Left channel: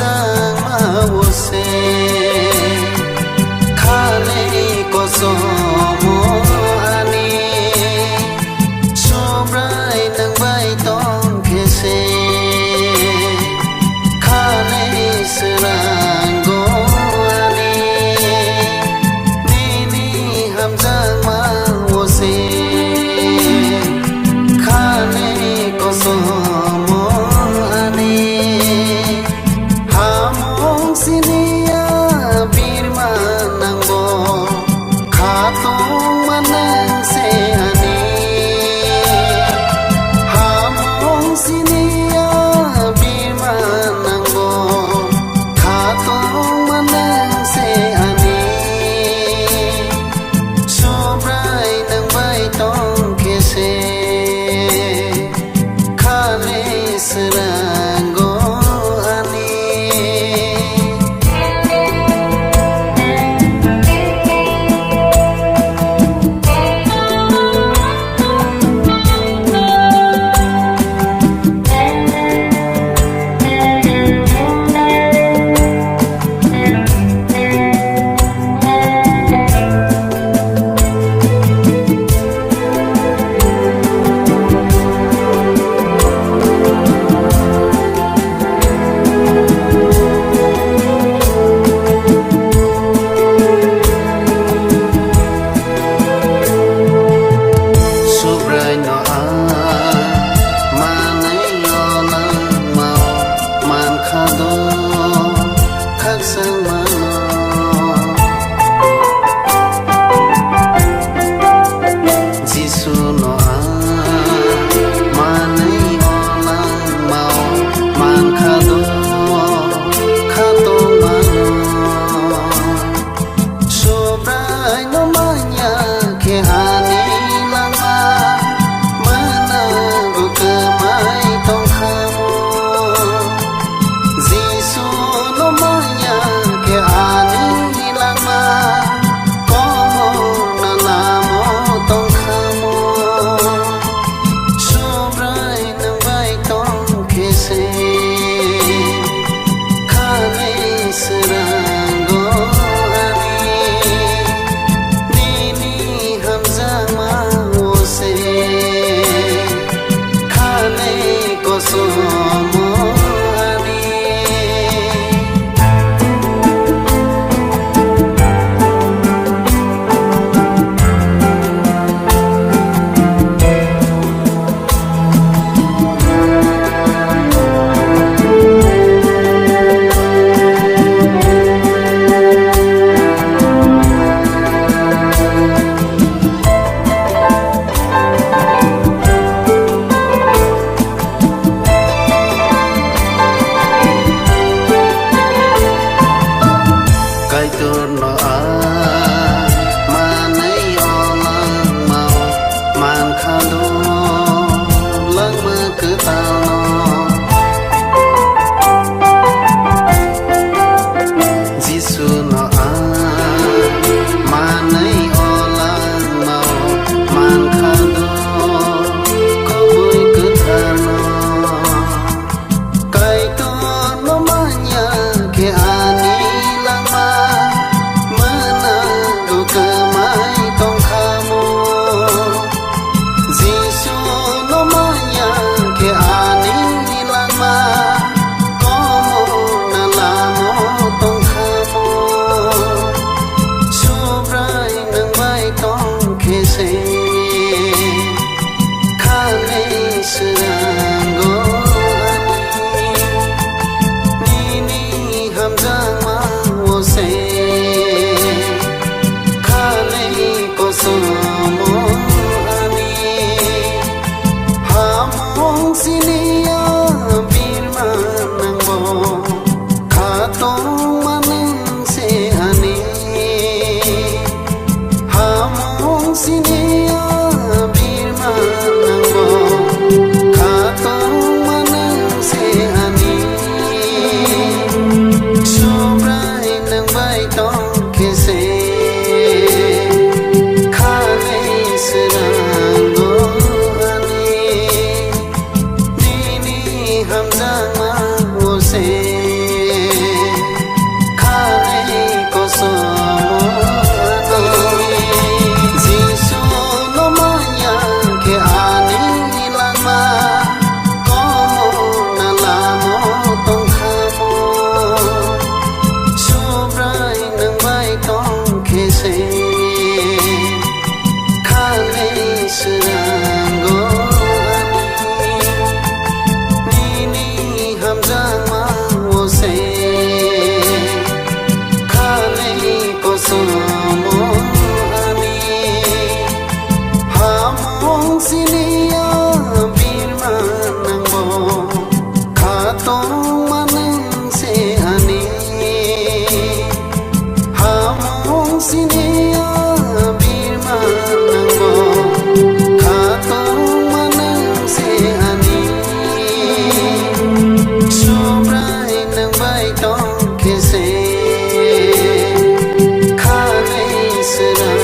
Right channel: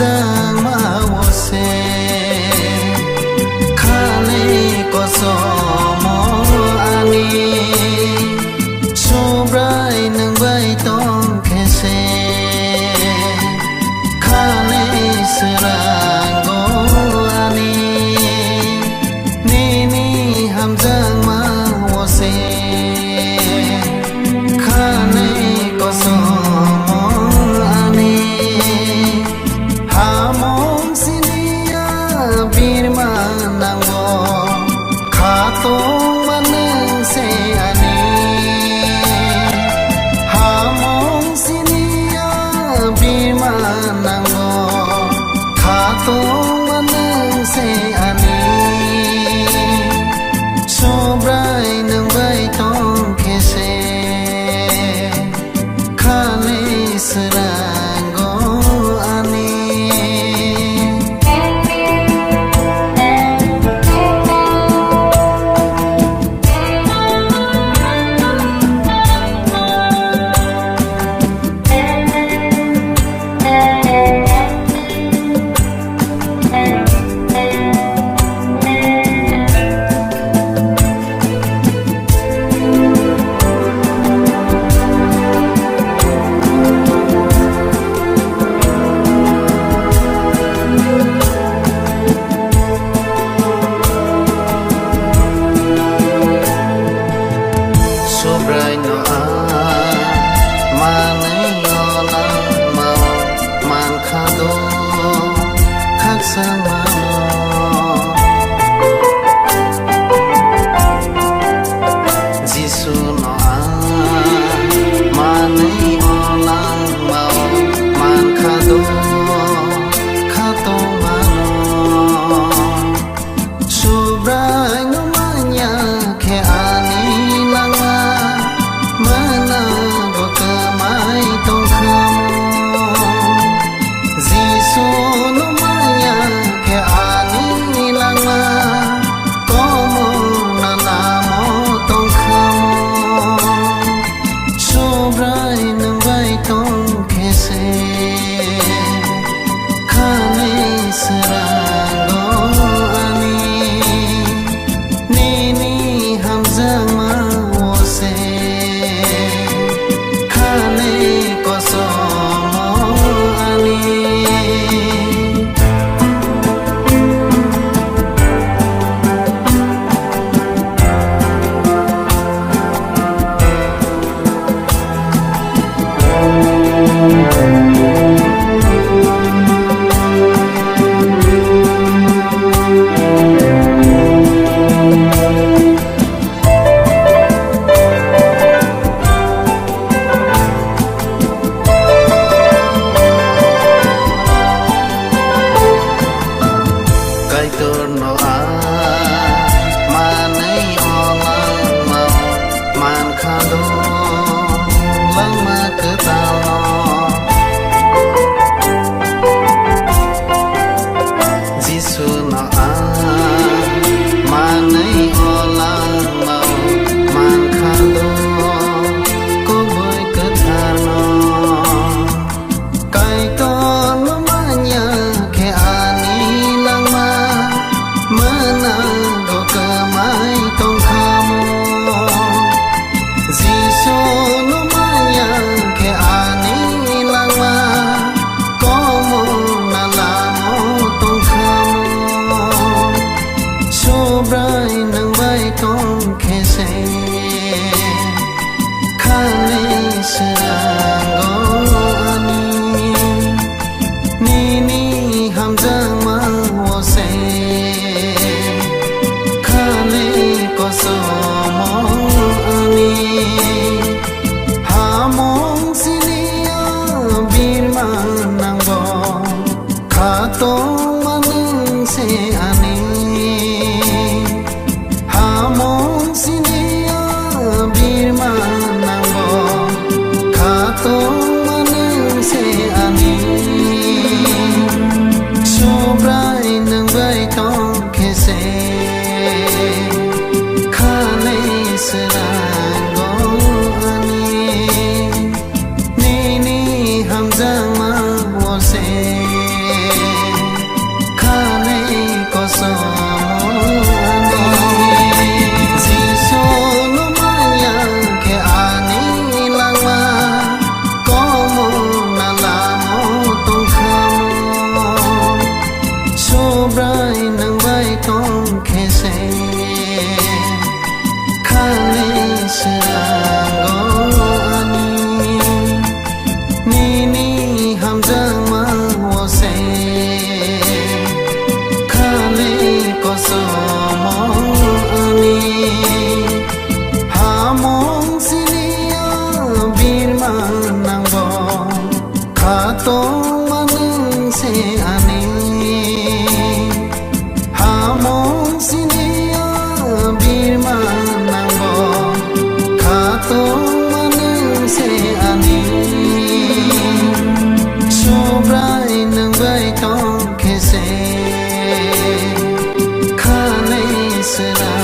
hamzang ma wo se khane ko so mo ani sobrai nang bai tong khe se khane srang go ani ni hamzang ma wo se khane ko so mo ani hamong sinia birma nang bo khatong manang se ani hamong sinia birma nang bo khatong manang se ani sobrai nang bai tong khe se khane srang go ani no a manai ona mau man khado khak sang mano jisu no a manai ona mau man khado khato mano sobrai no manya khe ani langa mai tong khamo jisu no maya ke ani langma komo na namo tong khamo sobrai nang bai tong khese khane srang go ani ni hamzang ma wo se ko so mo ani no a manai ona mau man khado lang ma cứ tal no jisu no a manai ola mau man khado ko bui cứ thar no kai to no manya ke ani lang ma mai tong khamo jisu no maya ke ani langma komo na lamo tong khamo sobrai nang bai tong khese khane srang go ani ni hamzang ma wo se ko so mo ani hamong sinia birma nang bo khatong manang se ani hamong sinia birma nang bo khatong manang se ani sobrai nang bai tong khese srang go ani ni hamzang ma wo se so mo ani jisu no maya ke ani lang ma ko mo na la mo tong kha mo so brai nang bai tong ke se kha le sang go ani ni ni ham jang ma wo se ko so mo ani ha mong sinia bir manang bo kha to manang se ani ha mong sinia bir manang bo kha to manang se ani so brai nang bai tong ke se será